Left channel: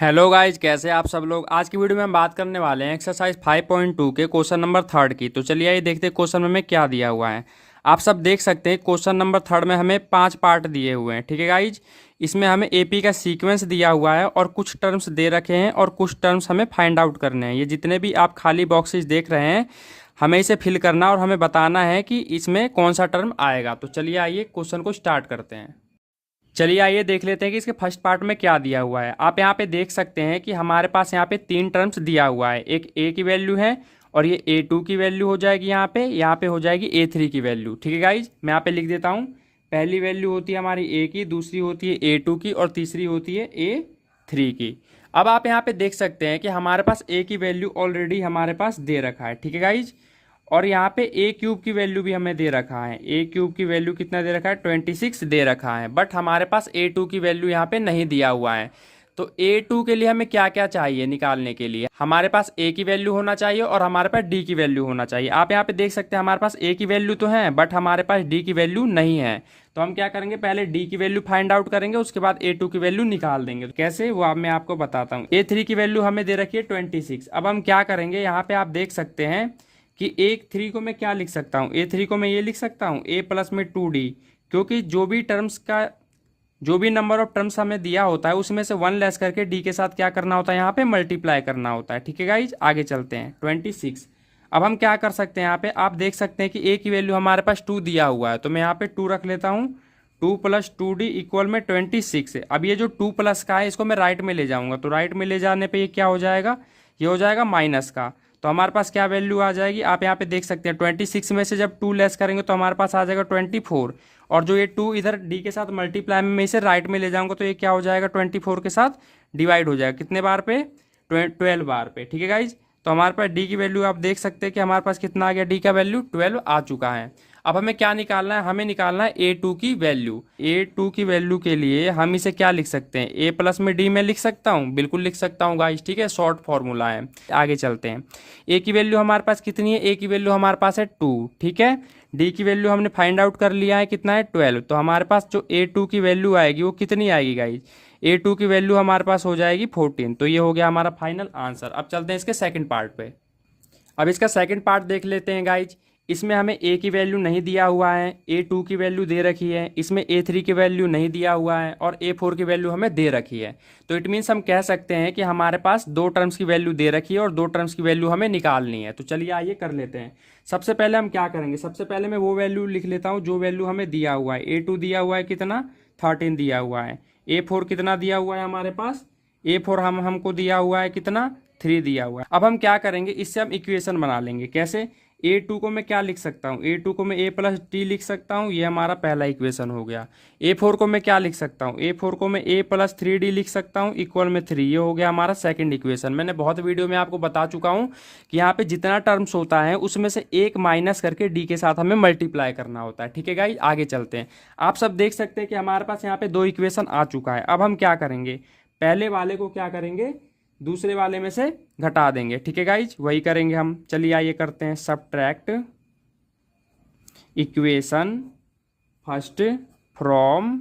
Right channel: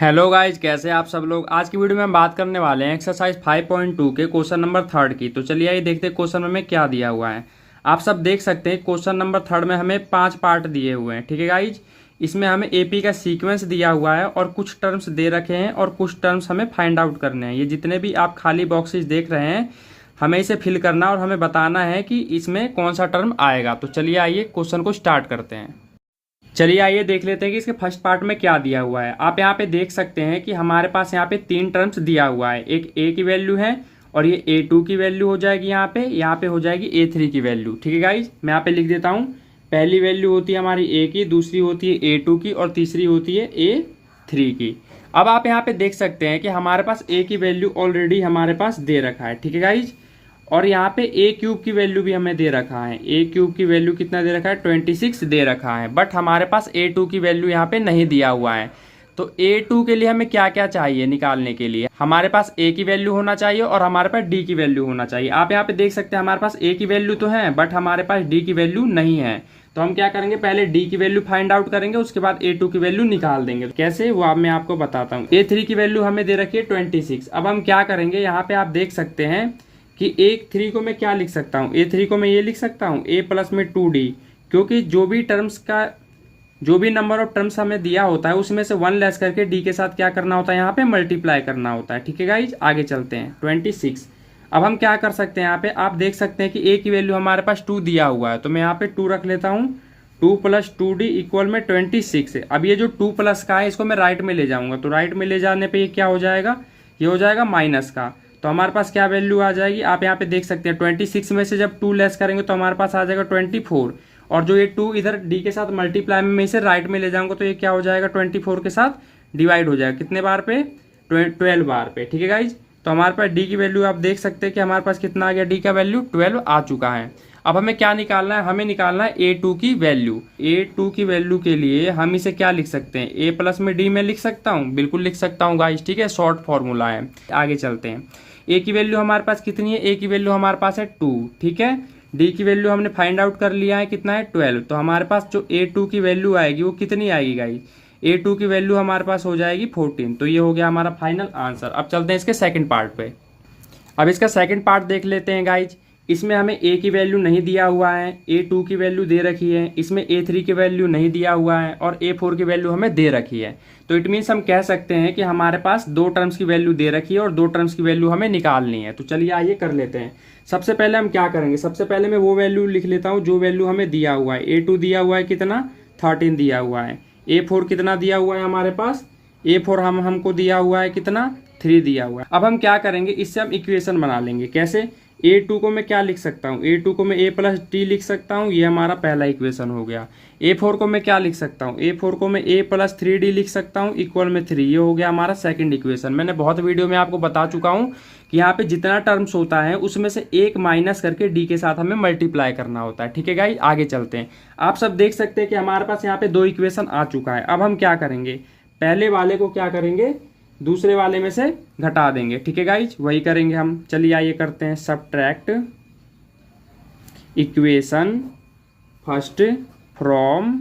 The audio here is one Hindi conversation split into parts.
हेलो गाइज, कैसे हैं आप सब लोग। आज की वीडियो में हम बात करने वाले हैं एक्सरसाइज 5.2 के क्वेश्चन नंबर थर्ड की। तो चलिए आइए देखते हैं क्वेश्चन में हमें क्या दिया हुआ है। आप सब देख सकते हैं क्वेश्चन नंबर थर्ड में हमें 5 पार्ट दिए हुए हैं। ठीक है गाइज, इसमें हमें एपी का सीक्वेंस दिया हुआ है और कुछ टर्म्स दे रखे हैं और कुछ टर्म्स हमें फाइंड आउट करने हैं। ये जितने भी आप खाली बॉक्सेस देख रहे हैं हमें इसे फिल करना और हमें बताना है कि इसमें कौन सा टर्म आएगा। तो चलिए आइए क्वेश्चन को स्टार्ट करते हैं। चलिए आइए देख लेते हैं कि इसके फर्स्ट पार्ट में क्या दिया हुआ है। आप यहाँ पे देख सकते हैं कि हमारे पास यहाँ पे 3 टर्म्स दिया हुआ है। एक ए की वैल्यू है और ये A2 की वैल्यू हो जाएगी, यहाँ पे हो जाएगी A3 की वैल्यू। ठीक है गाइज, मैं यहाँ पे लिख देता हूँ। पहली वैल्यू होती है हमारी ए की, दूसरी होती है A2 की और तीसरी होती है A3 की। अब आप यहाँ पे देख सकते हैं कि हमारे पास ए की वैल्यू ऑलरेडी हमारे पास दे रखा है। ठीक है गाइज, और यहाँ पे ए क्यूब की वैल्यू भी हमें दे रखा है। ए क्यूब की वैल्यू कितना दे रखा है, 26 दे रखा है। बट हमारे पास A2 की वैल्यू यहाँ पे नहीं दिया हुआ है। तो A2 के लिए हमें क्या क्या चाहिए निकालने के लिए, हमारे पास A की वैल्यू होना चाहिए और हमारे पास D की वैल्यू होना चाहिए। आप यहाँ पे देख सकते हैं हमारे पास A की वैल्यू तो है बट हमारे पास D की वैल्यू नहीं है। तो हम क्या करेंगे, पहले D की वैल्यू फाइंड आउट करेंगे, उसके बाद A2 की वैल्यू निकाल देंगे। कैसे वो मैं आपको बताता हूँ। A3 की वैल्यू हमें दे रखी है 26। अब हम क्या करेंगे, यहाँ पे आप देख सकते हैं कि A3 को मैं क्या लिख सकता हूँ, A3 को मैं ये लिख सकता हूँ A प्लस में 2D, क्योंकि जो भी नंबर ऑफ टर्म्स हमें दिया होता है उसमें से 1 लेस करके D के साथ क्या करना होता है, यहाँ पे मल्टीप्लाई करना होता है। ठीक है गाइज, आगे चलते हैं। 26। अब हम क्या कर सकते हैं, यहाँ पे आप देख सकते हैं कि A की वैल्यू हमारे पास 2 दिया हुआ है, तो मैं यहाँ पे 2 रख लेता हूँ। 2 प्लस 2D इक्वल में 26 है। अब ये जो 2 प्लस का है इसको मैं राइट में ले जाऊंगा, तो राइट में ले जाने पे ये क्या हो जाएगा, ये हो जाएगा माइनस का। तो हमारे पास क्या वैल्यू आ जाएगी, आप यहाँ पे देख सकते हैं 26 में से जब 2 लेस करेंगे तो हमारे पास आ जाएगा 24। और जो ये 2 इधर D के साथ मल्टीप्लाई में मैं इसे राइट में ले जाऊंगा तो ये क्या हो जाएगा, 24 के साथ डिवाइड हो जाएगा। कितने बार पे, 12 बार पे। ठीक है गाइज, तो हमारे पास D की वैल्यू आप देख सकते हैं कि हमारे पास कितना आ गया, D का वैल्यू 12 आ चुका है। अब हमें क्या निकालना है, हमें निकालना है A2 की वैल्यू। A2 की वैल्यू के लिए हम इसे क्या लिख सकते हैं, A प्लस में D में लिख सकता हूँ, बिल्कुल लिख सकता हूँ गाइज। ठीक है, शॉर्ट फॉर्मूला है। आगे चलते हैं। A की वैल्यू हमारे पास कितनी है, A की वैल्यू हमारे पास है 2। ठीक है, D की वैल्यू हमने फाइंड आउट कर लिया है, कितना है 12। तो हमारे पास जो A2 की वैल्यू आएगी वो कितनी आएगी गाइज, A2 की वैल्यू हमारे पास हो जाएगी 14। तो ये हो गया हमारा फाइनल आंसर। अब चलते हैं इसके सेकंड पार्ट पे। अब इसका सेकंड पार्ट देख लेते हैं गाइज। इसमें हमें A की वैल्यू नहीं दिया हुआ है, A2 की वैल्यू दे रखी है, इसमें A3 की वैल्यू नहीं दिया हुआ है और A4 की वैल्यू हमें दे रखी है। तो इट मीन्स हम कह सकते हैं कि हमारे पास 2 टर्म्स की वैल्यू दे रखी है और 2 टर्म्स की वैल्यू हमें निकालनी है। तो चलिए आइए कर लेते हैं। सबसे पहले हम क्या करेंगे, सबसे पहले मैं वो वैल्यू लिख लेता हूँ जो वैल्यू हमें दिया हुआ है। A2 दिया हुआ है कितना, 13 दिया हुआ है। A4 कितना दिया हुआ है हमारे पास, A4 हमको दिया हुआ है कितना, 3 दिया हुआ है। अब हम क्या करेंगे, इससे हम इक्वेशन बना लेंगे। कैसे, A2 को मैं क्या लिख सकता हूँ, A2 को मैं A प्लस टी लिख सकता हूँ, ये हमारा पहला इक्वेशन हो गया। A4 को मैं क्या लिख सकता हूँ, A4 को मैं A प्लस 3D लिख सकता हूँ इक्वल में 3, ये हो गया हमारा सेकंड इक्वेशन। मैंने बहुत वीडियो में आपको बता चुका हूँ कि यहाँ पे जितना टर्म्स होता है उसमें से एक माइनस करके D के साथ हमें मल्टीप्लाई करना होता है। ठीक है गाइस, आगे चलते हैं। आप सब देख सकते हैं कि हमारे पास यहाँ पे 2 इक्वेशन आ चुका है। अब हम क्या करेंगे, पहले वाले को क्या करेंगे, दूसरे वाले में से घटा देंगे। ठीक है गाइज, वही करेंगे हम। चलिए आइए करते हैं, subtract equation first from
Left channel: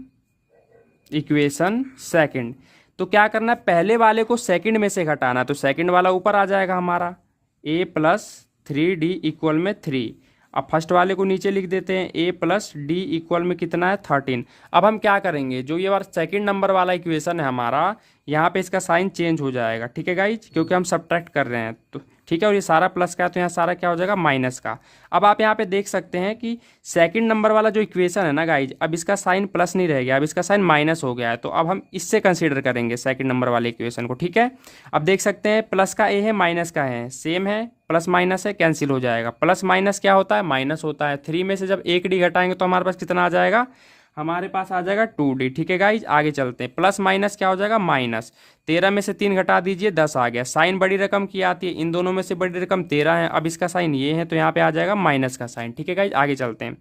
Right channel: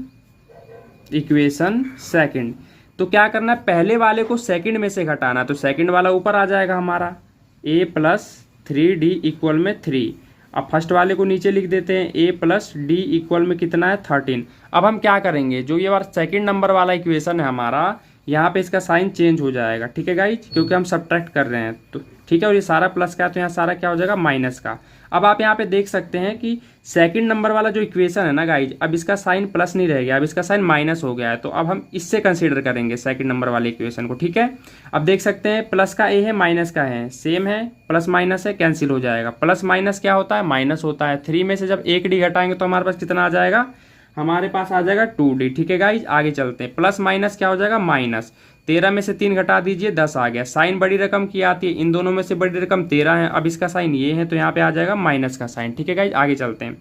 equation second. तो क्या करना है, पहले वाले को सेकंड में से घटाना, तो सेकंड वाला ऊपर आ जाएगा हमारा, A प्लस 3D इक्वल में 3। अब फर्स्ट वाले को नीचे लिख देते हैं, A प्लस D इक्वल में कितना है, 13। अब हम क्या करेंगे, जो ये बार सेकंड नंबर वाला इक्वेशन है हमारा, यहाँ पे इसका साइन चेंज हो जाएगा। ठीक है गाइज, क्योंकि हम सब्ट्रैक्ट कर रहे हैं। तो ठीक है, और ये सारा प्लस का है तो यहाँ सारा क्या हो जाएगा, माइनस का। अब आप यहाँ पे देख सकते हैं कि सेकंड नंबर वाला जो इक्वेशन है ना गाइज, अब इसका साइन प्लस नहीं रह गया, अब इसका साइन माइनस हो गया है। तो अब हम इससे कंसीडर करेंगे सेकंड नंबर वाले इक्वेशन को। ठीक है, अब देख सकते हैं प्लस का A है, माइनस का है, सेम है, प्लस माइनस है, कैंसिल हो जाएगा। प्लस माइनस क्या होता है, माइनस होता है। 3 में से जब 1 D घटाएंगे तो हमारे पास कितना आ जाएगा, हमारे पास आ जाएगा 2D। ठीक है गाइज, आगे चलते हैं। प्लस माइनस क्या हो जाएगा, माइनस। 13 में से 3 घटा दीजिए, 10 आ गया। साइन बड़ी रकम की आती है, इन दोनों में से बड़ी रकम 13 है। अब इसका साइन ये है तो यहाँ पे आ जाएगा माइनस का साइन। ठीक है गाइज, आगे चलते हैं।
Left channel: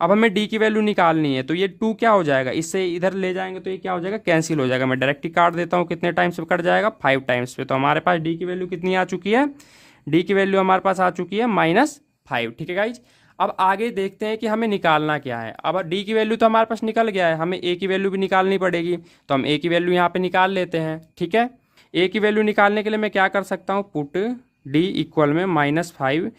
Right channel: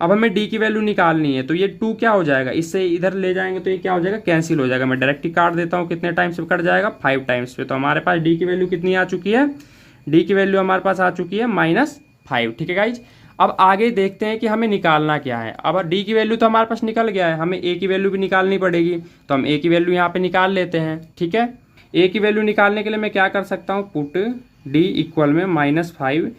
अब हमें D की वैल्यू निकालनी है, तो ये 2 क्या हो जाएगा, इससे इधर ले जाएंगे तो ये क्या हो जाएगा, कैंसिल हो जाएगा। मैं डायरेक्ट ही काट देता हूँ, कितने टाइम्स पे कट जाएगा, 5 टाइम्स पे। तो हमारे पास D की वैल्यू कितनी आ चुकी है, D की वैल्यू हमारे पास आ चुकी है -5। ठीक है गाइज, अब आगे देखते हैं कि हमें निकालना क्या है। अब D की वैल्यू तो हमारे पास निकल गया है, हमें A की वैल्यू भी निकालनी पड़ेगी। तो हम A की वैल्यू यहाँ पे निकाल लेते हैं। ठीक है, ए की वैल्यू निकालने के लिए मैं क्या कर सकता हूँ, पुट डी इक्वल में -5।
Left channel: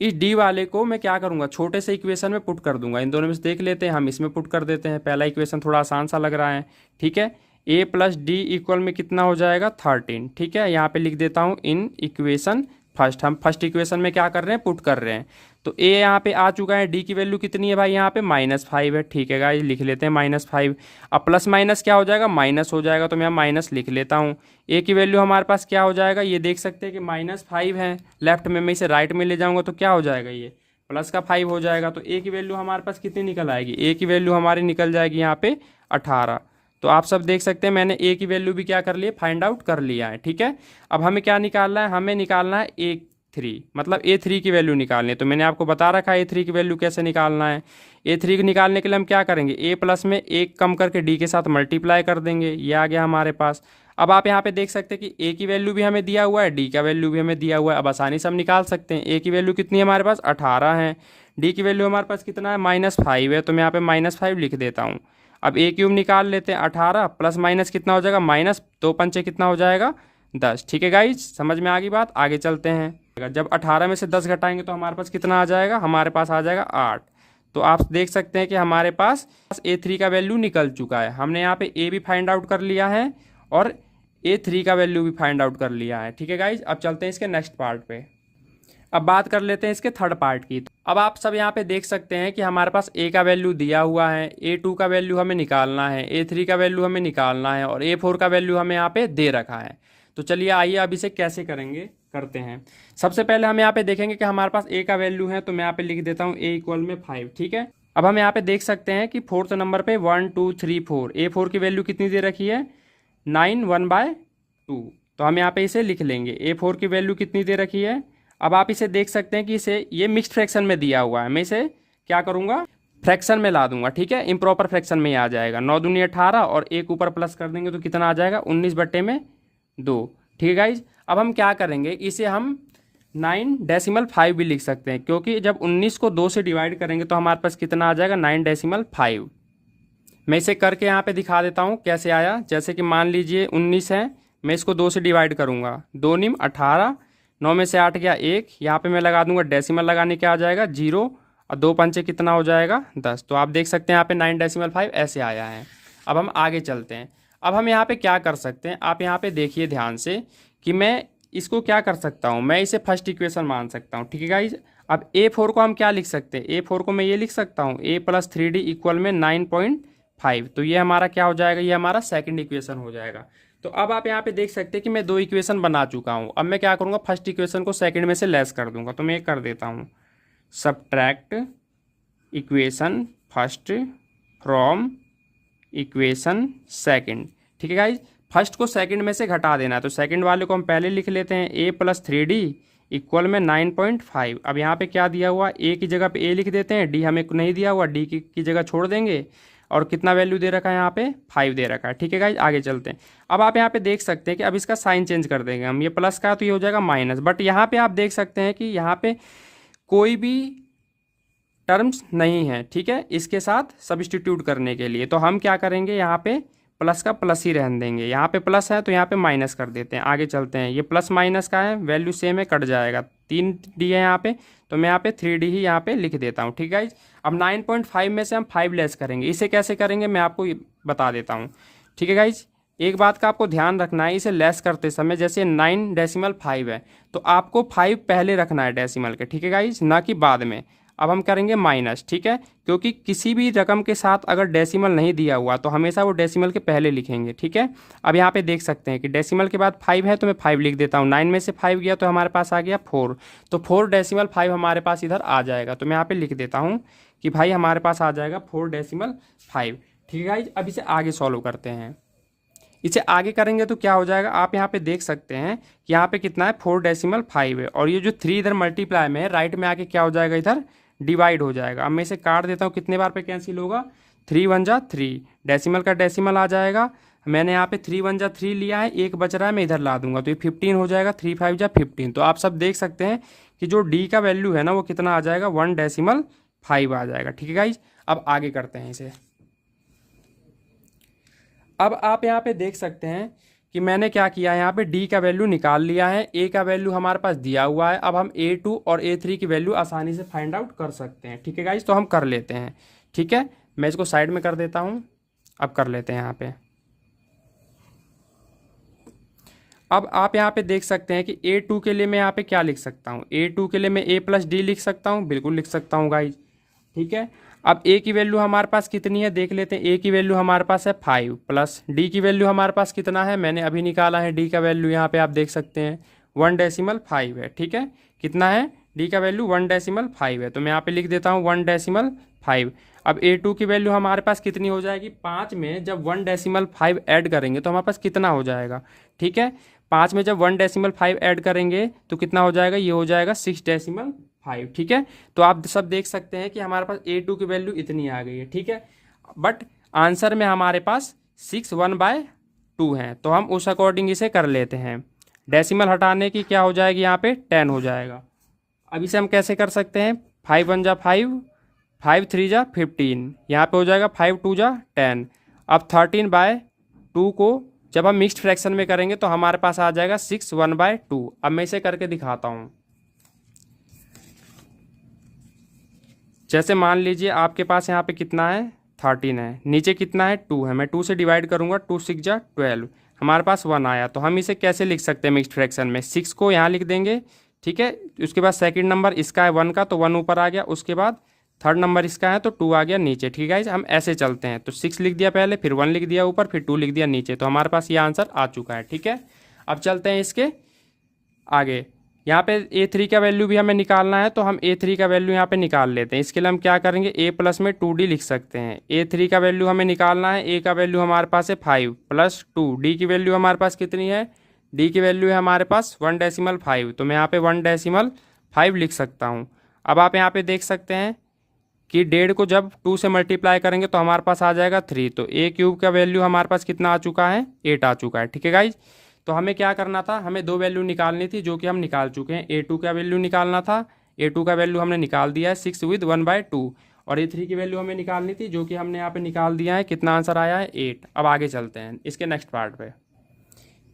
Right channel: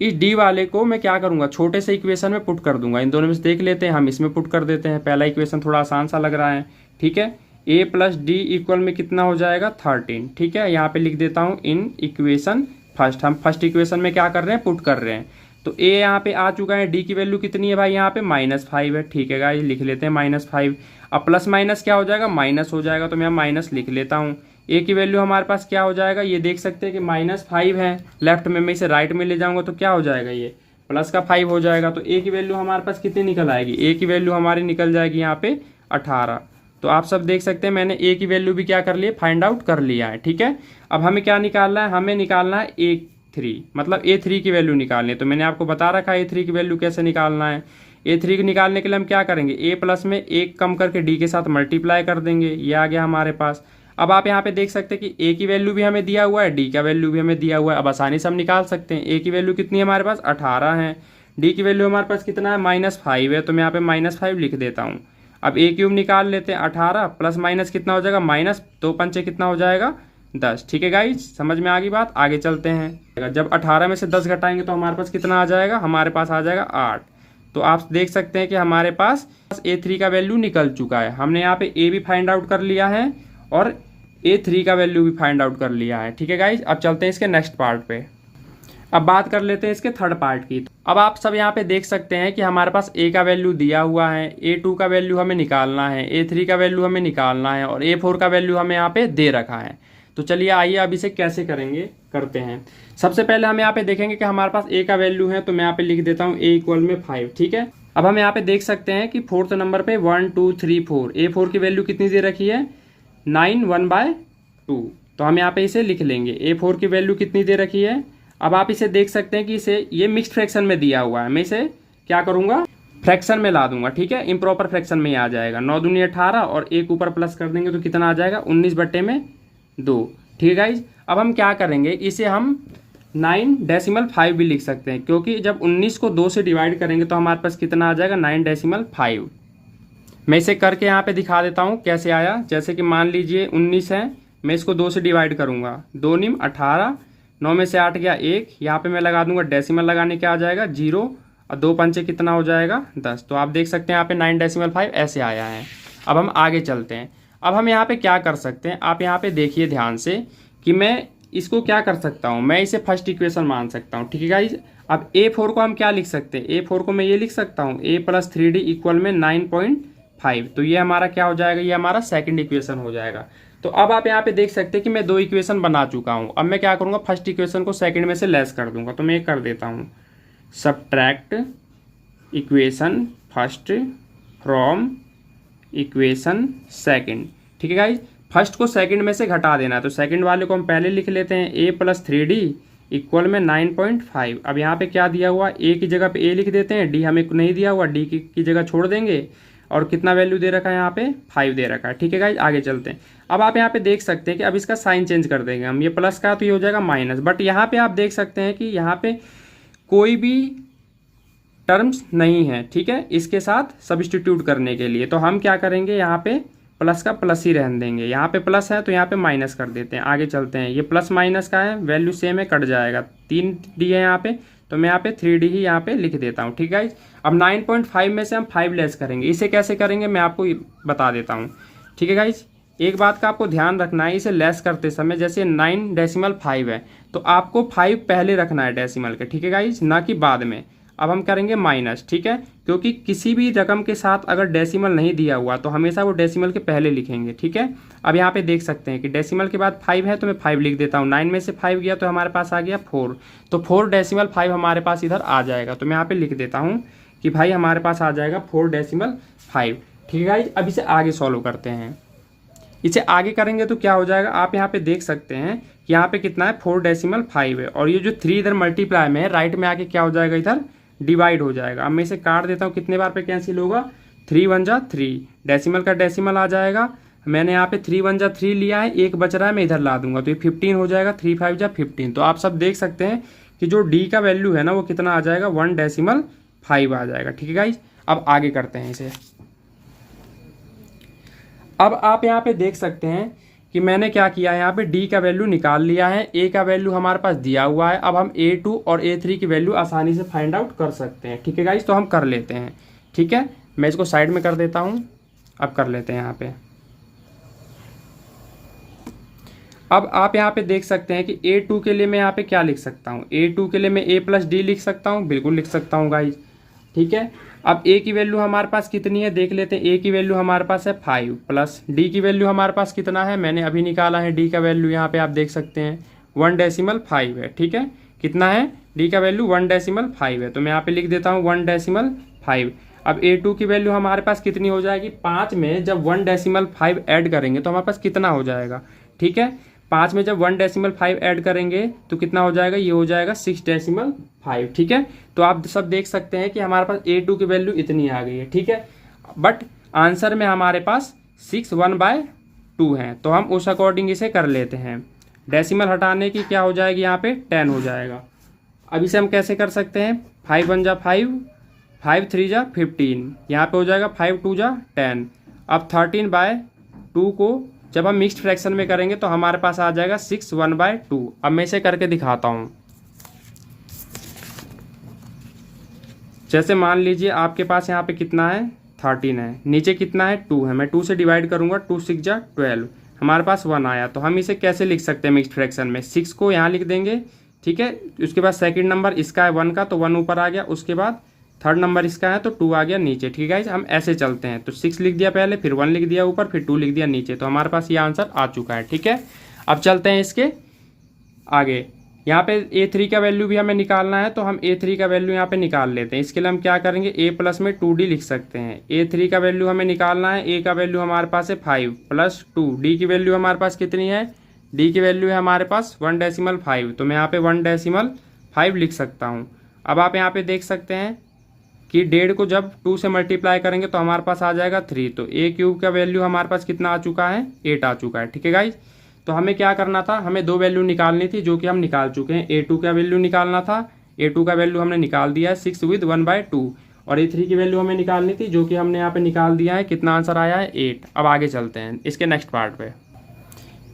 इस डी वाले को मैं क्या करूँगा, छोटे से इक्वेशन में पुट कर दूंगा। इन दोनों में से देख लेते हैं, हम इसमें पुट कर देते हैं। पहला इक्वेशन थोड़ा आसान सा लग रहा है, ठीक है। ए प्लस डी इक्वल में कितना हो जाएगा, 13, ठीक है। यहाँ पे लिख देता हूँ इन इक्वेशन फर्स्ट। हम फर्स्ट इक्वेशन में क्या कर रहे हैं, पुट कर रहे हैं। तो ए यहाँ पे आ चुका है, डी की वैल्यू कितनी है भाई, यहाँ पे -5 है, ठीक है गाइस, लिख लेते हैं -5। अब प्लस माइनस क्या हो जाएगा, माइनस हो जाएगा, तो मैं माइनस लिख लेता हूँ। ए की वैल्यू हमारे पास क्या हो जाएगा, ये देख सकते हैं कि -5 है, लेफ्ट में मैं इसे राइट में ले जाऊंगा तो क्या हो जाएगा, ये प्लस का 5 हो जाएगा। तो ए की वैल्यू हमारे पास कितनी निकल आएगी, ए की वैल्यू हमारी निकल जाएगी यहाँ पे 18। तो आप सब देख सकते हैं मैंने ए की वैल्यू भी क्या कर लिया, फाइंड आउट कर लिया है, ठीक है। अब हमें क्या निकालना है, हमें निकालना है A3, मतलब A3 की वैल्यू निकालनी है। तो मैंने आपको बता रखा है A3 की वैल्यू कैसे निकालना है। A3 को निकालने के लिए हम क्या करेंगे, A प्लस में 1 कम करके D के साथ मल्टीप्लाई कर देंगे, ये आ गया हमारे पास। अब आप यहाँ पे देख सकते हैं कि A की वैल्यू भी हमें दिया हुआ है, D का वैल्यू भी हमें दिया हुआ है। अब आसानी से हम निकाल सकते हैं। A की वैल्यू कितनी है हमारे पास, 18 है। D की वैल्यू हमारे पास कितना है, -5 है, तो मैं यहाँ पे -5 लिख देता हूँ। अब A³ निकाल लेते हैं, 18 प्लस माइनस कितना हो जाएगा, -2 पंचे कितना हो जाएगा, 10, ठीक है गाइज, समझ में आ गई बात। आगे चलते हैं। जब 18 में से 10 घटाएंगे तो हमारे पास कितना आ जाएगा, हमारे पास आ जाएगा 8। तो आप देख सकते हैं कि हमारे पास A3 का वैल्यू निकल चुका है। हमने यहाँ पे A भी फाइंड आउट कर लिया है और A3 का वैल्यू भी फाइंड आउट कर लिया है, ठीक है गाइज। अब चलते हैं इसके नेक्स्ट पार्ट पे। अब बात कर लेते हैं इसके थर्ड पार्ट की। अब आप सब यहाँ पे देख सकते हैं कि हमारे पास A का वैल्यू दिया हुआ है, A2 का वैल्यू हमें निकालना है, A3 का वैल्यू हमें निकालना है और A4 का वैल्यू हमें यहाँ पे दे रखा है। तो चलिए आइए अब इसे कैसे करेंगे, करते हैं। सबसे पहले हम यहाँ पे देखेंगे कि हमारे पास A का वैल्यू है, तो मैं यहाँ पे लिख देता हूँ A इक्वल में 5, ठीक है। अब हम यहाँ पे देख सकते हैं कि फोर्थ नंबर पे 1 2 3 4, A4 की वैल्यू कितनी दे रखी है, 9 1/2। तो हम यहाँ पे इसे लिख लेंगे, A4 की वैल्यू कितनी दे रखी है। अब आप इसे देख सकते हैं कि इसे ये मिक्स्ड फ्रैक्शन में दिया हुआ है, मैं इसे क्या करूंगा, फ्रैक्शन में ला दूंगा, ठीक है। इम्प्रॉपर फ्रैक्शन में आ जाएगा, 9 दूनी 18 और एक ऊपर प्लस कर देंगे तो कितना आ जाएगा, 19/2, ठीक है गाइज। अब हम क्या करेंगे, इसे हम 9.5 भी लिख सकते हैं, क्योंकि जब 19 को 2 से डिवाइड करेंगे तो हमारे पास कितना आ जाएगा, 9.5। मैं इसे करके यहाँ पे दिखा देता हूँ कैसे आया। जैसे कि मान लीजिए 19 है, मैं इसको 2 से डिवाइड करूंगा, 2 9 18, 9 में से 8 गया 1, यहाँ पे मैं लगा दूंगा डेसिमल, लगाने क्या आ जाएगा 0 और 2 पंचे कितना हो जाएगा 10। तो आप देख सकते हैं यहाँ पे 9.5 ऐसे आया है। अब हम आगे चलते हैं। अब हम यहाँ पे क्या कर सकते हैं, आप यहाँ पे देखिए ध्यान से कि मैं इसको क्या कर सकता हूँ, मैं इसे फर्स्ट इक्वेशन मान सकता हूँ, ठीक है गाइज। अब A4 को हम क्या लिख सकते हैं, A4 को मैं ये लिख सकता हूँ A + 3D इक्वल में 9.5। तो ये हमारा क्या हो जाएगा, ये हमारा सेकंड इक्वेशन हो जाएगा। तो अब आप यहाँ पे देख सकते हैं कि मैं 2 इक्वेशन बना चुका हूँ। अब मैं क्या करूँगा, फर्स्ट इक्वेशन को सेकंड में से लेस कर दूंगा। तो मैं ये कर देता हूँ, subtract equation first from equation second, ठीक है गाइज। फर्स्ट को सेकंड में से घटा देना है, तो सेकंड वाले को हम पहले लिख लेते हैं A + 3D इक्वल में 9.5। अब यहाँ पे क्या दिया हुआ, A की जगह पे A लिख देते हैं, D हमें नहीं दिया हुआ, D की जगह छोड़ देंगे। और कितना वैल्यू दे रखा है यहाँ पे, 5 दे रखा है, ठीक है गाइज। आगे चलते हैं। अब आप यहाँ पे देख सकते हैं कि अब इसका साइन चेंज कर देंगे हम, ये प्लस का तो ये हो जाएगा माइनस। बट यहाँ पे आप देख सकते हैं कि यहाँ पे कोई भी टर्म्स नहीं है, ठीक है, इसके साथ सब्स्टिट्यूट करने के लिए। तो हम क्या करेंगे, यहाँ पे प्लस का प्लस ही रहने देंगे। यहाँ पे प्लस है तो यहाँ पे माइनस कर देते हैं। आगे चलते हैं, ये प्लस माइनस का है, वैल्यू सेम है, कट जाएगा। 3D है यहाँ पे, तो मैं यहाँ पे 3D ही यहाँ पे लिख देता हूँ, ठीक है। अब 9.5 में से हम 5 लेस करेंगे। इसे कैसे करेंगे मैं आपको बता देता हूँ, ठीक है गाइज। एक बात का आपको ध्यान रखना है, इसे लेस करते समय जैसे 9.5 है तो आपको 5 पहले रखना है डेसिमल के, ठीक है गाइज, ना कि बाद में। अब हम करेंगे माइनस, ठीक है, क्योंकि किसी भी रकम के साथ अगर डेसिमल नहीं दिया हुआ तो हमेशा वो डेसिमल के पहले लिखेंगे, ठीक है। अब यहाँ पे देख सकते हैं कि डेसिमल के बाद 5 है तो मैं 5 लिख देता हूँ। 9 में से 5 गया तो हमारे पास आ गया 4, तो 4.5 हमारे पास इधर आ जाएगा। तो मैं यहाँ पे लिख देता हूँ कि भाई हमारे पास आ जाएगा 4.5, ठीक है गाइज। अब इसे आगे सॉल्व करते हैं। इसे आगे करेंगे तो क्या हो जाएगा, आप यहाँ पे देख सकते हैं कि यहाँ पे कितना है, 4.5 है, और ये जो 3 इधर मल्टीप्लाई में है, राइट में आके क्या हो जाएगा, इधर डिवाइड हो जाएगा। अब मैं इसे काट देता हूँ, कितने बार पे कैंसिल होगा, 3 1 जा 3, डेसिमल का डेसिमल आ जाएगा। मैंने यहाँ पे 3 1 जा 3 लिया है, एक बच रहा है, मैं इधर ला दूंगा तो ये 15 हो जाएगा, 3 5 जा 15। तो आप सब देख सकते हैं कि जो D का वैल्यू है ना वो कितना आ जाएगा, 1.5 आ जाएगा, ठीक है गाइज। अब आगे करते हैं इसे। अब आप यहाँ पे देख सकते हैं कि मैंने क्या किया है, यहाँ पे डी का वैल्यू निकाल लिया है, ए का वैल्यू हमारे पास दिया हुआ है। अब हम A2 और A3 की वैल्यू आसानी से फाइंड आउट कर सकते हैं। ठीक है गाइज, तो हम कर लेते हैं। ठीक है, मैं इसको साइड में कर देता हूँ। अब कर लेते हैं यहाँ पे। अब आप यहाँ पे देख सकते हैं कि A2 के लिए मैं यहाँ पे क्या लिख सकता हूँ। A2 के लिए मैं A+D लिख सकता हूँ, बिल्कुल लिख सकता हूँ गाइज। ठीक है, अब A की वैल्यू हमारे पास कितनी है देख लेते हैं। A की वैल्यू हमारे पास है 5 प्लस D की वैल्यू हमारे पास कितना है, मैंने अभी निकाला है। D का वैल्यू यहाँ पे आप देख सकते हैं 1.5 है। ठीक है, कितना है, D का वैल्यू 1.5 है, तो मैं यहाँ पे लिख देता हूँ 1.5। अब A2 की वैल्यू हमारे पास कितनी हो जाएगी, 5 में जब 1.5 ऐड करेंगे तो हमारे पास कितना हो जाएगा। ठीक है, 5 में जब 1.5 ऐड करेंगे तो कितना हो जाएगा, ये हो जाएगा 6.5। ठीक है, तो आप सब देख सकते हैं कि हमारे पास A2 की वैल्यू इतनी आ गई है। ठीक है, बट आंसर में हमारे पास 6/1/2 है, तो हम उस अकॉर्डिंग इसे कर लेते हैं। डेसिमल हटाने की क्या हो जाएगी, यहाँ पे 10 हो जाएगा। अब इसे हम कैसे कर सकते हैं, 5 1 जा 5, 5 3 जा 15, यहाँ पे हो जाएगा 5 2 जा 10। अब 13/2 को जब हम मिक्स्ड फ्रैक्शन में करेंगे तो हमारे पास आ जाएगा 6/1/2। अब मैं इसे करके दिखाता हूँ। जैसे मान लीजिए आपके पास यहाँ पे कितना है, 13 है, नीचे कितना है, 2 है, मैं 2 से डिवाइड करूंगा, 2 6 जा 12, हमारे पास 1 आया। तो हम इसे कैसे लिख सकते हैं मिक्स्ड फ्रैक्शन में, 6 को यहाँ लिख देंगे। ठीक है, उसके बाद सेकंड नंबर इसका है 1 का, तो 1 ऊपर आ गया, उसके बाद थर्ड नंबर इसका है तो 2 आ गया नीचे। ठीक है, हम ऐसे चलते हैं, तो 6 लिख दिया पहले, फिर 1 लिख दिया ऊपर, फिर 2 लिख दिया नीचे, तो हमारे पास ये आंसर आ चुका है। ठीक है, अब चलते हैं इसके आगे। यहाँ पे A3 का वैल्यू भी हमें निकालना है, तो हम A3 का वैल्यू यहाँ पे निकाल लेते हैं। इसके लिए हम क्या करेंगे, A प्लस में 2D लिख सकते हैं। A3 का वैल्यू हमें निकालना है, A का वैल्यू हमारे पास है 5 प्लस 2, D की वैल्यू हमारे पास कितनी है, D की वैल्यू है हमारे पास 1.5, तो मैं यहाँ पे 1.5 लिख सकता हूँ। अब आप यहाँ पे देख सकते हैं कि 1.5 को जब 2 से मल्टीप्लाई करेंगे तो हमारे पास आ जाएगा 3, तो A³ का वैल्यू हमारे पास कितना आ चुका है, 8 आ चुका है। ठीक है गाइज, तो हमें क्या करना था, हमें 2 वैल्यू निकालनी थी जो कि हम निकाल चुके हैं। A2 का वैल्यू निकालना था, A2 का वैल्यू हमने निकाल दिया है 6/1/2, और A3 की वैल्यू हमें निकालनी थी जो कि हमने यहाँ पे निकाल दिया है। कितना आंसर आया है, 8। अब आगे चलते हैं इसके नेक्स्ट पार्ट पे।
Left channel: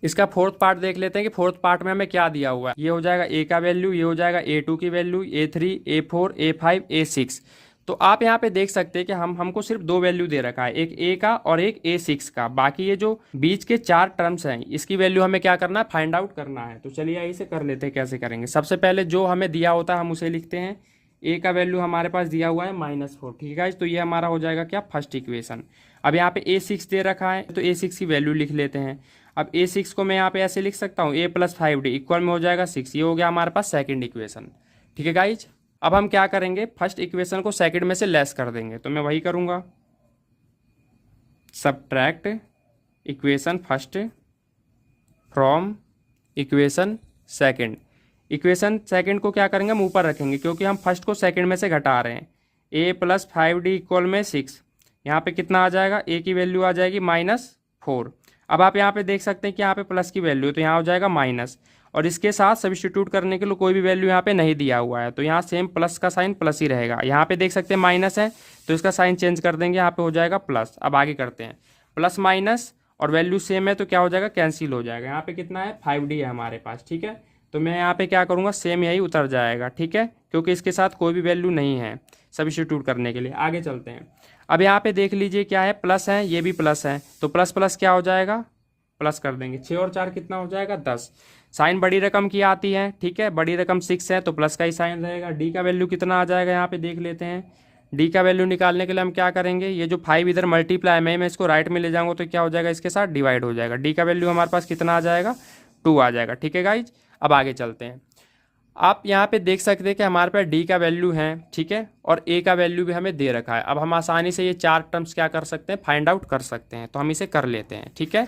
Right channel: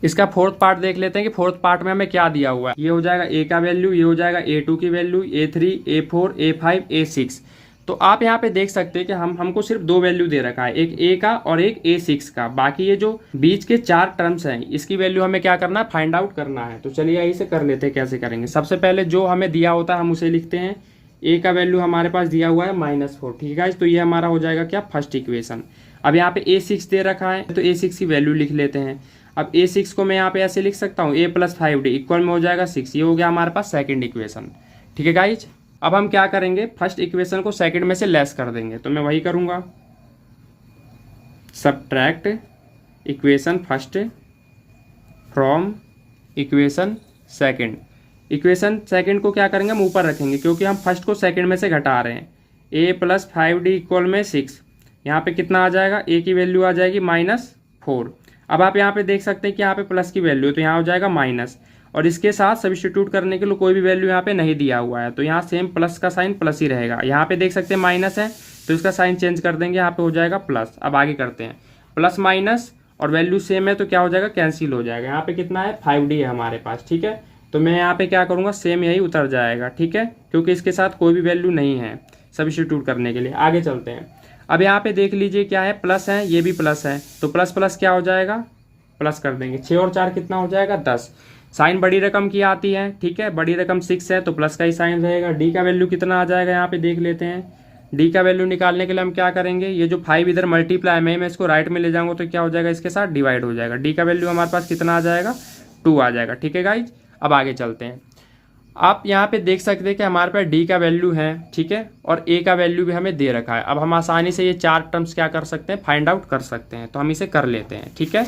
इसका फोर्थ पार्ट देख लेते हैं कि फोर्थ पार्ट में हमें क्या दिया हुआ है। ये हो जाएगा A का वैल्यू, ये हो जाएगा A2 की value, A3 A4 A5 A6। तो आप यहाँ पे देख सकते हैं कि हमको सिर्फ 2 वैल्यू दे रखा है, एक A का और एक A6 का। बाकी ये जो बीच के 4 टर्म्स हैं इसकी वैल्यू हमें क्या करना है, फाइंड आउट करना है। तो चलिए यही से कर लेते हैं, कैसे करेंगे। सबसे पहले जो हमें दिया होता है हम उसे लिखते हैं। A का वैल्यू हमारे पास दिया हुआ है -4। ठीक है, तो ये हमारा हो जाएगा क्या, फर्स्ट इक्वेशन। अब यहाँ पे A6 दे रखा है तो A6 की वैल्यू लिख लेते हैं। अब A6 को मैं यहाँ पे ऐसे लिख सकता हूँ, A + 5D इक्वल में हो जाएगा 6। ये हो गया हमारे पास सेकंड इक्वेशन। ठीक है गाइज, अब हम क्या करेंगे, फर्स्ट इक्वेशन को सेकंड में से लेस कर देंगे, तो मैं वही करूँगा, subtract equation first from equation second. Equation second को क्या करेंगे, हम ऊपर रखेंगे क्योंकि हम फर्स्ट को सेकंड में से घटा रहे हैं। A + 5D इक्वल में 6, यहाँ पे कितना आ जाएगा, A की वैल्यू आ जाएगी -4। अब आप यहाँ पे देख सकते हैं कि यहाँ पे प्लस की वैल्यू, तो यहाँ हो जाएगा माइनस, और इसके साथ सब्स्टिट्यूट करने के लिए कोई भी वैल्यू यहाँ पे नहीं दिया हुआ है, तो यहाँ सेम प्लस का साइन प्लस ही रहेगा। यहाँ पे देख सकते हैं माइनस है तो इसका साइन चेंज कर देंगे, यहाँ पे हो जाएगा प्लस। अब आगे करते हैं, प्लस माइनस और वैल्यू सेम है तो क्या हो जाएगा, कैंसिल हो जाएगा। यहाँ पे कितना है, 5D है हमारे पास। ठीक है, तो मैं यहाँ पे क्या करूँगा, सेम यही उतर जाएगा। ठीक है, क्योंकि इसके साथ कोई भी वैल्यू नहीं है सब्स्टिट्यूट करने के लिए। आगे चलते हैं। अब यहाँ पे देख लीजिए क्या है, प्लस है, ये भी प्लस है, तो प्लस प्लस क्या हो जाएगा, प्लस कर देंगे। 6 और 4 कितना हो जाएगा, 10। साइन बड़ी रकम की आती है। ठीक है, बड़ी रकम 6 है तो प्लस का ही साइन रहेगा। डी का वैल्यू कितना आ जाएगा, यहाँ पे देख लेते हैं। डी का वैल्यू निकालने के लिए हम क्या करेंगे, ये जो 5 इधर मल्टीप्लाई में, मैं इसको राइट में ले जाऊंगा तो क्या हो जाएगा, इसके साथ डिवाइड हो जाएगा। डी का वैल्यू हमारे पास कितना आ जाएगा, 2 आ जाएगा। ठीक है गाइज, अब आगे चलते हैं। आप यहाँ पे देख सकते हैं कि हमारे पास डी का वैल्यू है, ठीक है, और ए का वैल्यू भी हमें दे रखा है। अब हम आसानी से ये 4 टर्म्स क्या कर सकते हैं, फाइंड आउट कर सकते हैं, तो हम इसे कर लेते हैं। ठीक है,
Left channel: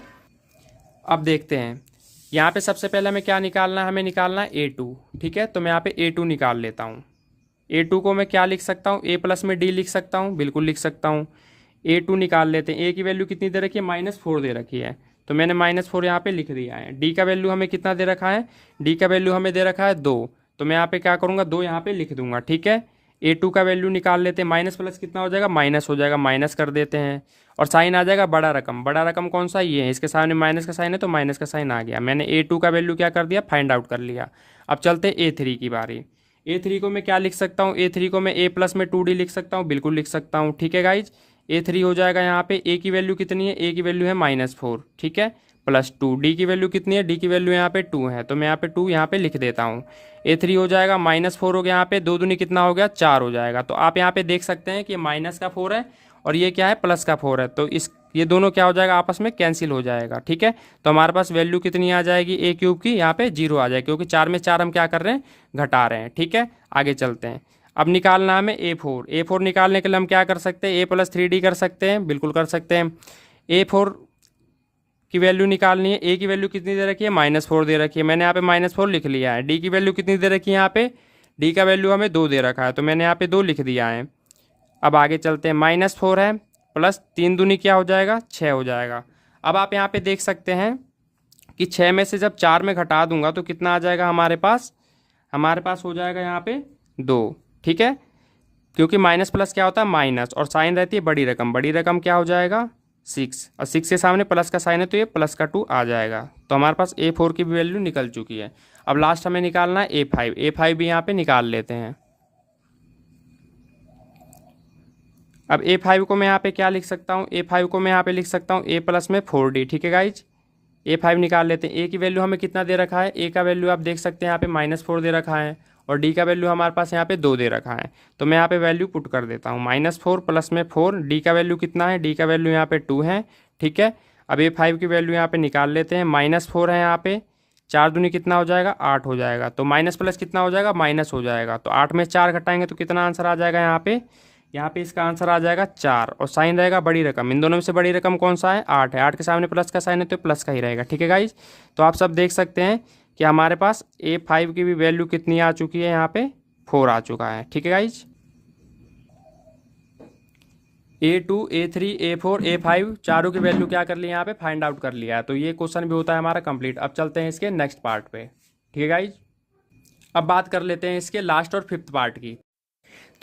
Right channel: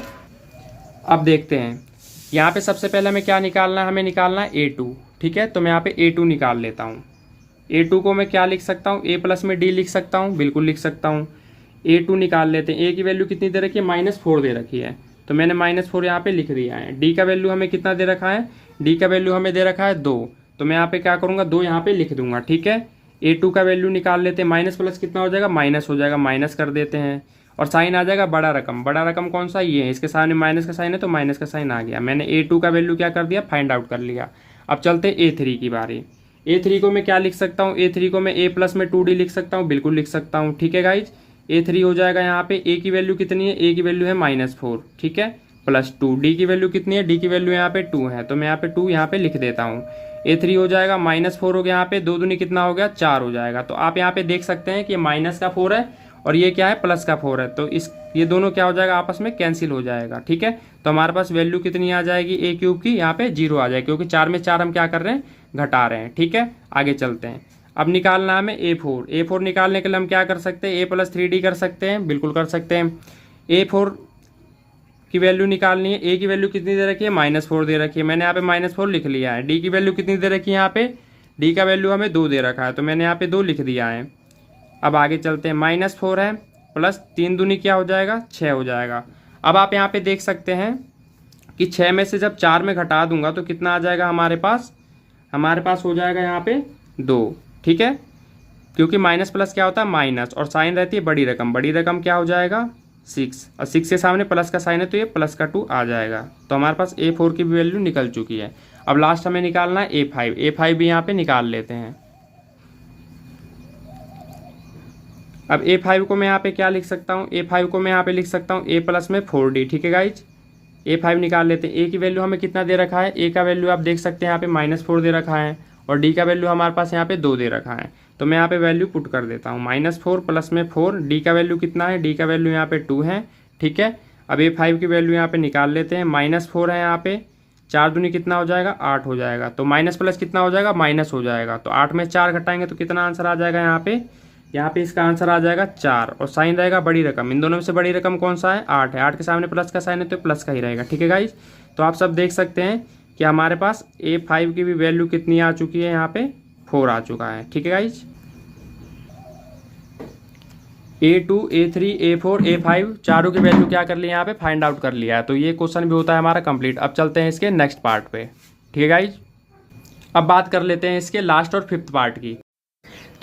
अब देखते हैं। यहाँ पे सबसे पहले हमें क्या निकालना है, हमें निकालना है A2। ठीक है, तो मैं यहाँ पे A2 निकाल लेता हूँ। A2 को मैं क्या लिख सकता हूँ, A प्लस में D लिख सकता हूँ, बिल्कुल लिख सकता हूँ। A2 निकाल लेते हैं। A की वैल्यू कितनी दे रखी है, -4 दे रखी है, तो मैंने -4 यहाँ पे लिख दिया है। D का वैल्यू हमें कितना दे रखा है, D का वैल्यू हमें दे रखा है 2, तो मैं यहाँ पे क्या करूँगा, 2 यहाँ पे लिख दूंगा। ठीक है, A2 का वैल्यू निकाल लेते हैं। माइनस प्लस कितना हो जाएगा, माइनस हो जाएगा, माइनस कर देते हैं। और साइन आ जाएगा बड़ा रकम। बड़ा रकम कौन सा, ये है, इसके सामने माइनस का साइन है तो माइनस का साइन आ गया। मैंने A2 का वैल्यू क्या कर दिया, फाइंड आउट कर लिया। अब चलते A3 की बारी। A3 को मैं क्या लिख सकता हूँ, A3 को मैं A प्लस में 2D लिख सकता हूँ, बिल्कुल लिख सकता हूँ, ठीक है गाइज। A3 हो जाएगा यहाँ पे, A की वैल्यू कितनी है, A की वैल्यू है -4, ठीक है, +2। D की वैल्यू कितनी है, D की वैल्यू यहाँ पे 2 है, तो मैं यहाँ पे 2 यहाँ पे लिख देता हूँ। A3 हो जाएगा -4 हो गया, यहाँ पे 2 दूनी कितना हो गया, 4 हो जाएगा। तो आप यहाँ पे देख सकते हैं कि माइनस का 4 है और ये क्या है, प्लस का 4 है, तो इस ये दोनों क्या हो जाएगा, आपस में कैंसिल हो जाएगा, ठीक है। तो हमारे पास वैल्यू कितनी आ जाएगी A³ की, यहाँ पे 0 आ जाएगी, क्योंकि 4 में 4 हम क्या कर रहे हैं, घटा रहे हैं, ठीक है। आगे चलते हैं। अब निकालना है हमें A4 निकालने के लिए हम क्या कर सकते हैं, A + 3D कर सकते हैं, बिल्कुल कर सकते हैं। A4 की वैल्यू निकालनी है। A की वैल्यू कितनी दे रखी है, -4 दे रखी है, मैंने यहाँ पे -4 लिख लिया है। D की वैल्यू कितनी दे रखी है, यहाँ पे D का वैल्यू हमें 2 दे रखा है, तो मैंने यहाँ पे 2 लिख दिया है। अब आगे चलते हैं, -4 है प्लस 3 दूनी क्या हो जाएगा, 6 हो जाएगा। अब आप यहाँ पे देख सकते हैं कि 6 में से जब 4 में घटा दूंगा तो कितना आ जाएगा हमारे पास, हो जाएगा यहाँ पे 2, ठीक है, क्योंकि माइनस प्लस क्या होता है, माइनस, और साइन रहती है बड़ी रकम। बड़ी रकम क्या हो जाएगा, 6, और 6 के सामने प्लस का साइन है तो ये +2 आ जाएगा। तो हमारे पास A4 की भी वैल्यू निकल चुकी है। अब लास्ट हमें निकालना है A5 भी यहाँ पे निकाल लेते हैं। अब A5 को मैं यहाँ पे क्या लिख सकता हूँ, A5 को मैं यहाँ पे लिख सकता हूँ A प्लस में 4D, ठीक है गाइज। A5 निकाल लेते हैं। A की वैल्यू हमें कितना दे रखा है, A का वैल्यू आप देख सकते हैं यहाँ पे -4 दे रखा है, और D का वैल्यू हमारे पास यहाँ पे 2 दे रखा है। तो मैं यहाँ पे वैल्यू पुट कर देता हूँ, -4 प्लस में 4, D का वैल्यू कितना है, D का वैल्यू यहाँ पे 2 है, ठीक है। अब A5 की वैल्यू यहाँ पे निकाल लेते हैं, -4 है यहाँ पे, 4 दूनी कितना हो जाएगा, 8 हो जाएगा, तो माइनस प्लस कितना हो जाएगा, माइनस हो जाएगा, तो 8 में 4 घटाएंगे तो कितना आंसर आ जाएगा यहाँ पे इसका आंसर आ जाएगा 4, और साइन रहेगा बड़ी रकम। इन दोनों में से बड़ी रकम कौन सा है, 8 है, 8 के सामने प्लस का साइन है तो प्लस का ही रहेगा, ठीक है गाइज। तो आप सब देख सकते हैं कि हमारे पास A5 की भी वैल्यू कितनी आ चुकी है, यहाँ पे 4 आ चुका है, ठीक है guys. A2, A3, A4, A5 चारों की वैल्यू क्या कर ली यहाँ पे, फाइंड आउट कर लिया है। तो ये क्वेश्चन भी होता है हमारा कंप्लीट। अब चलते हैं इसके नेक्स्ट पार्ट पे, ठीक है गाइज। अब बात कर लेते हैं इसके लास्ट और 5th पार्ट की।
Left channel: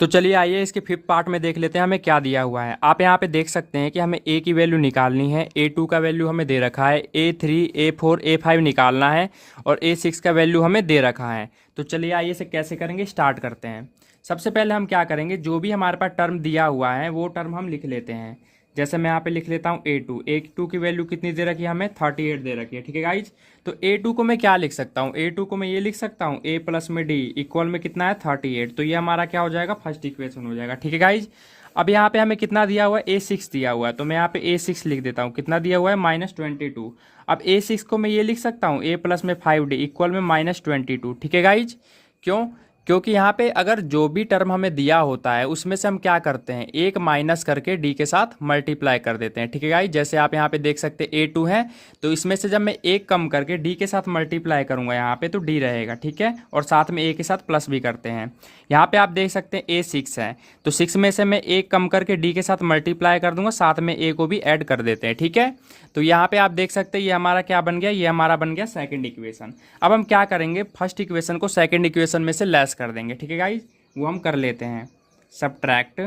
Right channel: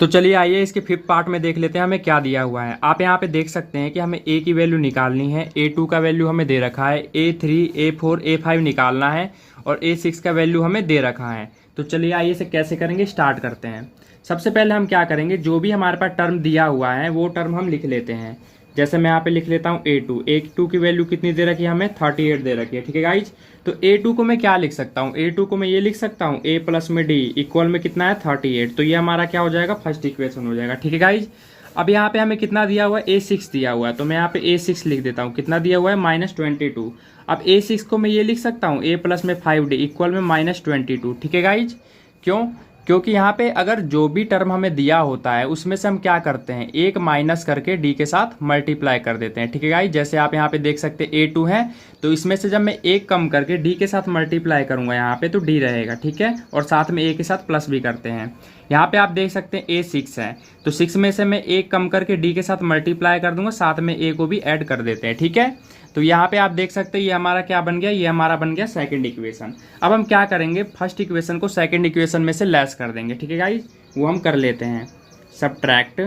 तो चलिए आइए इसके 5th पार्ट में देख लेते हैं हमें क्या दिया हुआ है। आप यहाँ पे देख सकते हैं कि हमें A की वैल्यू निकालनी है, A2 का वैल्यू हमें दे रखा है, A3, A4, A5 निकालना है, और A6 का वैल्यू हमें दे रखा है। तो चलिए आइए इसे कैसे करेंगे, स्टार्ट करते हैं। सबसे पहले हम क्या करेंगे, जो भी हमारे पास टर्म दिया हुआ है वो टर्म हम लिख लेते हैं। जैसे मैं यहाँ पे लिख लेता हूँ A2 की वैल्यू कितनी दे रखी है, हमें 38 दे रखी है, ठीक है गाइज। तो A2 को मैं क्या लिख सकता हूँ, A2 को मैं ये लिख सकता हूँ A प्लस में D इक्वल में कितना है, 38। तो ये हमारा क्या हो जाएगा, फर्स्ट इक्वेशन हो जाएगा, ठीक है गाइज। अब यहाँ पे हमें कितना दिया हुआ है, A6 दिया हुआ है, तो मैं यहाँ पे A6 लिख देता हूँ। कितना दिया हुआ है, -22। अब A6 को मैं ये लिख सकता हूँ A प्लस में 5D इक्वल में -22, ठीक है गाइज। क्यों, क्योंकि यहाँ पे अगर जो भी टर्म हमें दिया होता है उसमें से हम क्या करते हैं, एक माइनस करके D के साथ मल्टीप्लाई कर देते हैं, ठीक है गाइस। जैसे आप यहाँ पे देख सकते हैं A2 है, तो इसमें से जब मैं एक कम करके D के साथ मल्टीप्लाई करूंगा यहाँ पे तो D रहेगा, ठीक है, और साथ में A के साथ प्लस भी करते हैं। यहाँ पे आप देख सकते हैं A6 है, तो 6 में से मैं एक कम करके D के साथ मल्टीप्लाई कर दूंगा, साथ में A को भी ऐड कर देते हैं, ठीक है। तो यहाँ पे आप देख सकते हैं ये हमारा क्या बन गया, ये हमारा बन गया सेकंड इक्वेशन। अब हम क्या करेंगे, फर्स्ट इक्वेशन को सेकंड इक्वेशन में से लेस कर देंगे, ठीक है गाइस। वो हम कर लेते हैं, subtract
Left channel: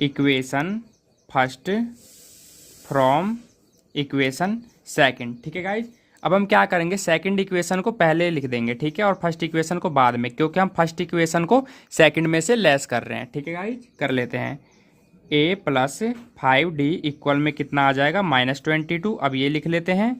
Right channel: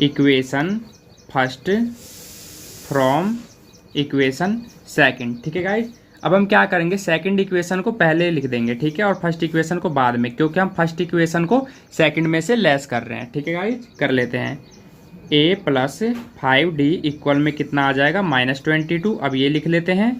equation first from equation second, ठीक है गाइस। अब हम क्या करेंगे, सेकंड इक्वेशन को पहले लिख देंगे, ठीक है, और फर्स्ट इक्वेशन को बाद में, क्योंकि हम फर्स्ट इक्वेशन को सेकंड में से लेस कर रहे हैं, ठीक है गाइस। कर लेते हैं A प्लस 5D इक्वल में कितना आ जाएगा, -22। अब ये लिख लेते हैं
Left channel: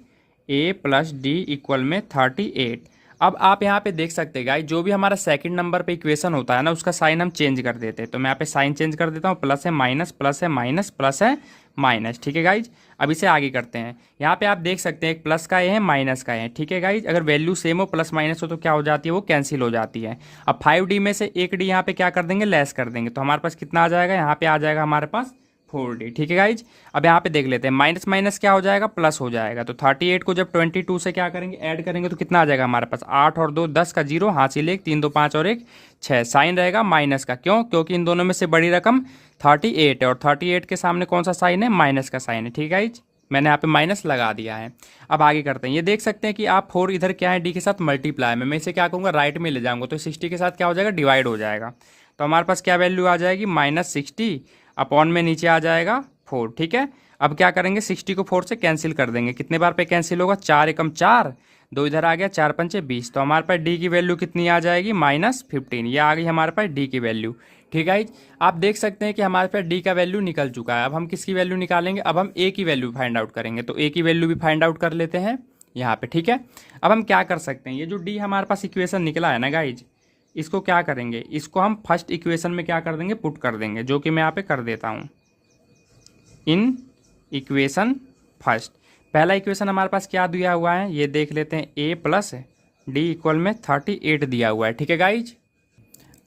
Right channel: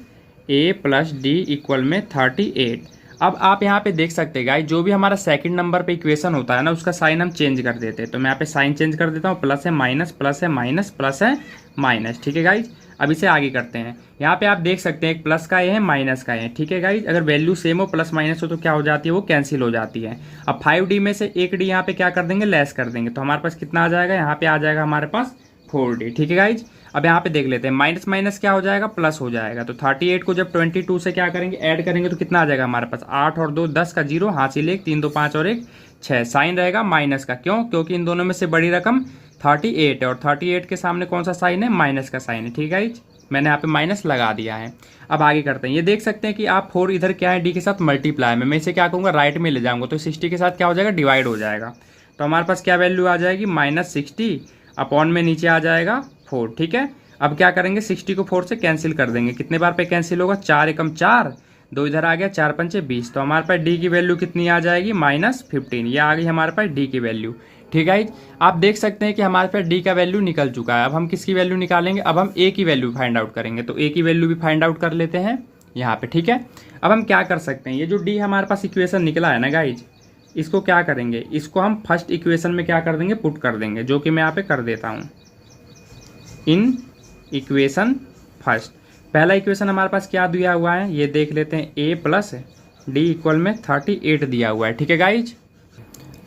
A प्लस D इक्वल में 38। अब आप यहाँ पे देख सकते हैं गाइस, जो भी हमारा सेकंड नंबर पे इक्वेशन होता है ना, उसका साइन हम चेंज कर देते हैं। तो मैं यहाँ पे साइन चेंज कर देता हूँ, प्लस है माइनस, प्लस है माइनस, प्लस है माइनस, ठीक है गाइज। अब इसे आगे करते हैं। यहाँ पे आप देख सकते हैं एक प्लस का ए है, माइनस का है, ठीक है गाइज। अगर वैल्यू सेम हो, प्लस माइनस हो, तो क्या हो जाती है, वो कैंसिल हो जाती है। अब 5D में से एक D यहाँ पे क्या कर देंगे, लेस कर देंगे, तो हमारे पास कितना आ जाएगा, यहाँ पे आ जाएगा हमारे पास 4D, ठीक है गाइज। अब यहाँ पे देख लेते हैं, माइनस माइनस क्या हो जाएगा, प्लस हो जाएगा। तो 38 को जब 22 से क्या करेंगे, ऐड करेंगे, तो कितना आ जाएगा हमारे पास, 8 और 2 10 का 0, हासिल 1, 3 2 5 और 1 6, साइन रहेगा माइनस का। क्यों, क्योंकि इन दोनों में से बड़ी रकम 38 है, और 38 के सामने कौन सा साइन है, माइनस का साइन है, ठीक है गाइज। मैंने यहाँ पे माइनस लगा दिया है। अब आगे करते हैं, ये देख सकते हैं कि आप 4 इधर क्या है, D के साथ मल्टीप्लाई में, मैं इसे क्या कहूँगा, राइट में ले जाऊँगा, तो 60 के साथ क्या हो जाएगा, डिवाइड हो जाएगा। तो हमारे पास क्या वैल्यू आ जाएगी, -60। अपॉन में नीचे आ जाएगा 4। ठीक है, अब क्या करेंगे, 60 को 4 से कैंसिल कर देंगे। कितने बार पे कैंसिल होगा, 4 एकम 4, 2 इधर आ गया, 4 पंचे 20। तो हमारे पास डी की वैल्यू कितनी आ जाएगी, -15। ये आ गई हमारे पास डी की वैल्यू। ठीक है, आप देख सकते हैं कि हमारे पास डी का वैल्यू निकल चुका है। अब हम किसकी वैल्यू निकालेंगे, अब हम ए की वैल्यू फाइंड आउट करेंगे। तो ए की वैल्यू भी फाइंड आउट कर लेते हैं यहाँ पे। ठीक है, अब हम क्या कर सकते हैं, ये जो डी हमारे पास इक्वेशन निकला है ना गाइज, इसको क्या करेंगे, इसको हम फर्स्ट इक्वेशन में क्या कर देंगे, पुट कर देंगे, जो कि मैं यहाँ पे कर देता हूँ। इन इक्वेशन फर्स्ट, पहला इक्वेशन हमारे पास क्या दिया हुआ है, ये देख लेते हैं, a प्लस डी इक्वल में 38 दिया हुआ है। ठीक है गाइज,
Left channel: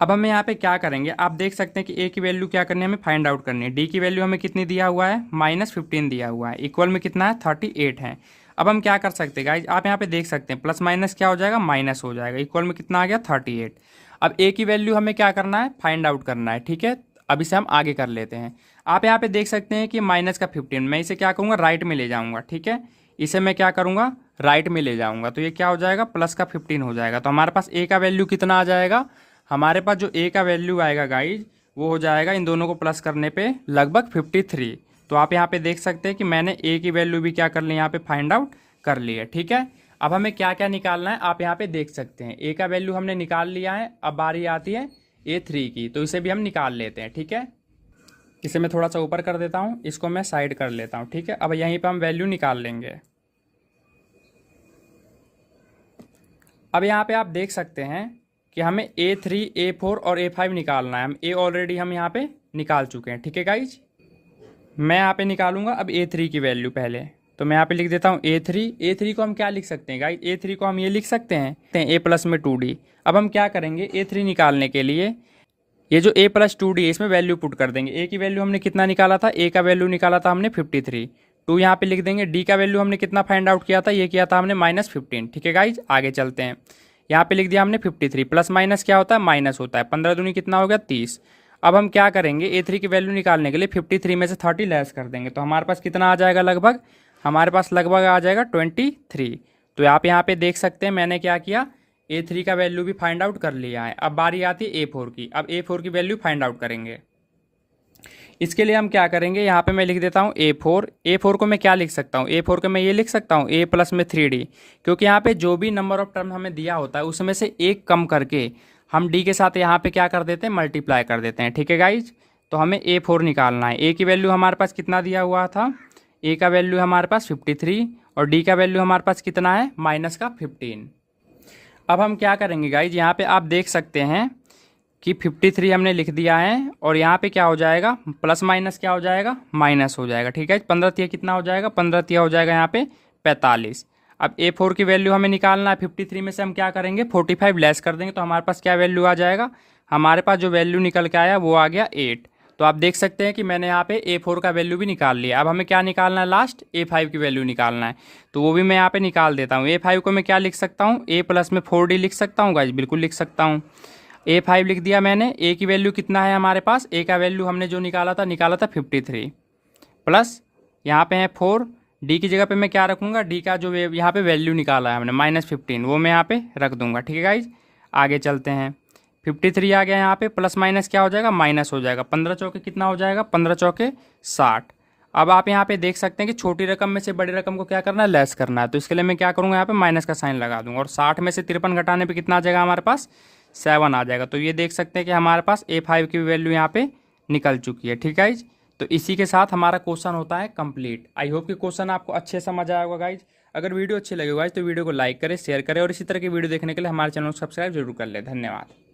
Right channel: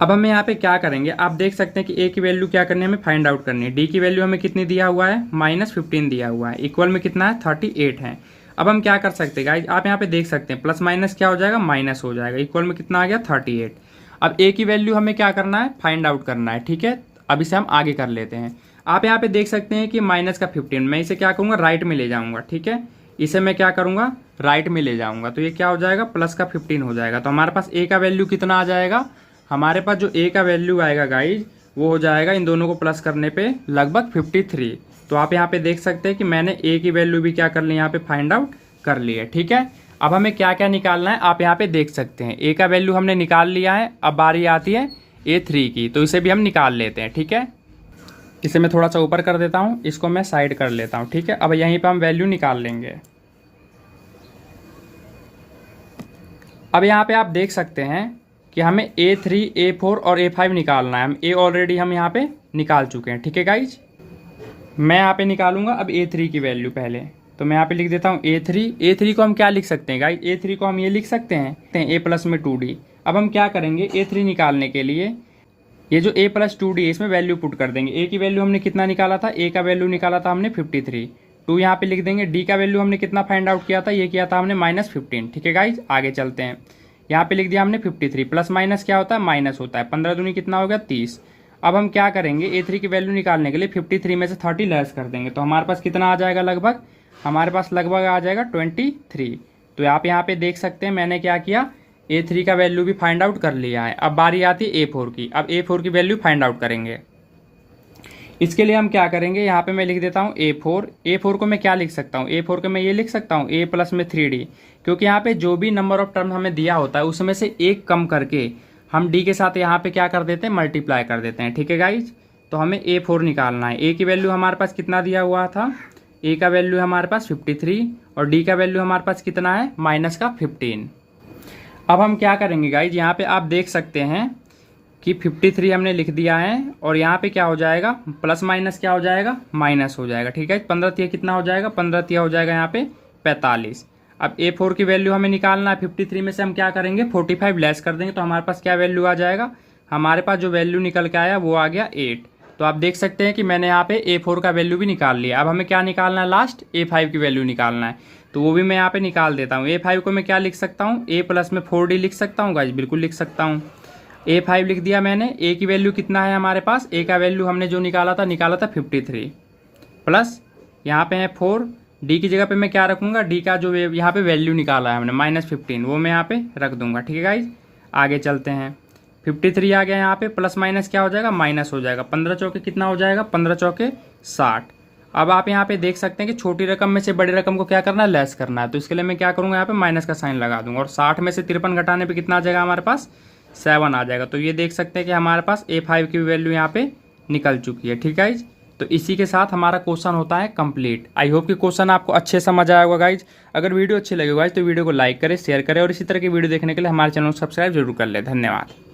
अब हमें यहाँ पे क्या करेंगे, आप देख सकते हैं कि a की वैल्यू क्या करनी है, हमें फाइंड आउट करनी है। d की वैल्यू हमें कितनी दिया हुआ है, -15 दिया हुआ है, इक्वल में कितना है, 38 है। अब हम क्या कर सकते हैं गाइज, आप यहाँ पे देख सकते हैं, प्लस माइनस क्या हो जाएगा, माइनस हो जाएगा, इक्वल में कितना आ गया, 38। अब a की वैल्यू हमें क्या करना है, फाइंड आउट करना है। ठीक है, अब इसे हम आगे कर लेते हैं। आप यहाँ पे देख सकते हैं कि माइनस का 15, मैं इसे क्या करूँगा, राइट में ले जाऊँगा। ठीक है, इसे मैं क्या करूँगा, राइट में ले जाऊँगा, तो ये क्या हो जाएगा, प्लस का 15 हो जाएगा। तो हमारे पास a का वैल्यू कितना आ जाएगा, हमारे पास जो a का वैल्यू आएगा गाइज, वो हो जाएगा इन दोनों को प्लस करने पे लगभग 53। तो आप यहाँ पे देख सकते हैं कि मैंने a की वैल्यू भी क्या कर ली, यहाँ पे फाइंड आउट कर ली है। ठीक है, अब हमें क्या क्या निकालना है, आप यहाँ पे देख सकते हैं, a का वैल्यू हमने निकाल लिया है। अब बारी आती है a3 की, तो इसे भी हम निकाल लेते हैं। ठीक है, इसे मैं थोड़ा सा ऊपर कर देता हूँ, इसको मैं साइड कर लेता हूँ। ठीक है, अब यहीं पे हम वैल्यू निकाल लेंगे। अब यहाँ पे आप देख सकते हैं कि हमें A3, A4 और A5 निकालना है। हम A ऑलरेडी हम यहाँ पे निकाल चुके हैं। ठीक है गाइज, मैं यहाँ पे निकालूंगा अब A3 की वैल्यू पहले, तो मैं यहाँ पे लिख देता हूँ A3 को हम क्या लिख सकते हैं गाइज, A3 को हम ये लिख सकते हैं A प्लस में 2D। अब हम क्या करेंगे, A3 निकालने के लिए ये जो a प्लस 2d है, इसमें वैल्यू पुट कर देंगे। a की वैल्यू हमने कितना निकाला था, a का वैल्यू निकाला था हमने 53, 2 यहाँ पे लिख देंगे। d का वैल्यू हमने कितना फाइंड आउट किया था, ये किया था हमने -15। ठीक है गाइज, आगे चलते हैं, यहाँ पे लिख दिया हमने 53, प्लस माइनस क्या होता है, माइनस होता है। 15 दूनी कितना हो गया, 30। अब हम क्या करेंगे, a3 की वैल्यू निकालने के लिए 53 में से 30 लेस कर देंगे, तो हमारे पास कितना आ जाएगा, लगभग हमारे पास लगभग आ जाएगा 23। तो आप यहाँ पे देख सकते हैं मैंने क्या किया, A3 का वैल्यू भी फाइंड आउट कर लिया है। अब बारी आती है A4 की, अब A4 की वैल्यू फाइंड आउट करेंगे। इसके लिए हम क्या करेंगे, यहाँ पे मैं लिख देता हूँ A4 को मैं क्या लिख सकता हूँ, A4 को मैं ये लिख सकता हूँ A प्लस में 3D, क्योंकि यहाँ पे जो भी नंबर ऑफ टर्म हमें दिया होता है उसमें से एक कम करके हम D के साथ यहाँ पे क्या कर देते हैं, मल्टीप्लाई कर देते हैं। ठीक है गाइज, तो हमें A4 निकालना है। A की वैल्यू हमारे पास कितना दिया हुआ था, A का वैल्यू हमारे पास 53 और D का वैल्यू हमारे पास कितना है, -15। अब हम क्या करेंगे गाइज, यहाँ पे आप देख सकते हैं कि 53 हमने लिख दिया है और यहाँ पे क्या हो जाएगा, प्लस माइनस क्या हो जाएगा, माइनस हो जाएगा। ठीक है, 15 तिया कितना हो जाएगा, 15 तिया हो जाएगा यहाँ पे 45। अब A4 की वैल्यू हमें निकालना है, 53 में से हम क्या करेंगे, 45 लेस कर देंगे, तो हमारे पास क्या वैल्यू आ जाएगा, हमारे पास जो वैल्यू निकल के आया वो आ गया 8। तो आप देख सकते हैं कि मैंने यहाँ पे A4 का वैल्यू भी निकाल लिया। अब हमें क्या निकालना है, लास्ट A5 की वैल्यू निकालना है, तो वो भी मैं यहाँ पे निकाल देता हूँ। A5 को मैं क्या लिख सकता हूँ, A प्लस में 4D लिख सकता हूँ गाइज, बिल्कुल लिख सकता हूँ। A5 लिख दिया मैंने। A की वैल्यू कितना है हमारे पास, A का वैल्यू हमने जो निकाला था 53 प्लस यहाँ पे है 4। D की जगह पे मैं क्या रखूँगा, D का जो यहाँ पे वैल्यू निकाला है हमने -15, वो मैं यहाँ पे रख दूंगा। ठीक है गाइज, आगे चलते हैं। 53 आ गया यहाँ पे, प्लस माइनस क्या हो जाएगा, माइनस हो जाएगा। 15 चौके कितना हो जाएगा, 15 चौके 60। अब आप यहाँ पे देख सकते हैं कि छोटी रकम में से बड़ी रकम को क्या करना है, लेस करना है, तो इसके लिए मैं क्या करूँगा, यहाँ पे माइनस का साइन लगा दूंगा और 60 में से 53 घटाने पे कितना आ जाएगा, हमारे पास 7 आ जाएगा। तो ये देख सकते हैं कि हमारे पास A5 की वैल्यू यहाँ पे निकल चुकी है। ठीक है गाइज, तो इसी के साथ हमारा क्वेश्चन होता है कंप्लीट। आई होप कि क्वेश्चन आपको अच्छे समझ आया होगा गाइज। अगर वीडियो अच्छी लगी गाइज तो वीडियो को लाइक करें, शेयर करें और इसी तरह की वीडियो देखने के लिए हमारे चैनल को सब्सक्राइब जरूर कर ले। धन्यवाद।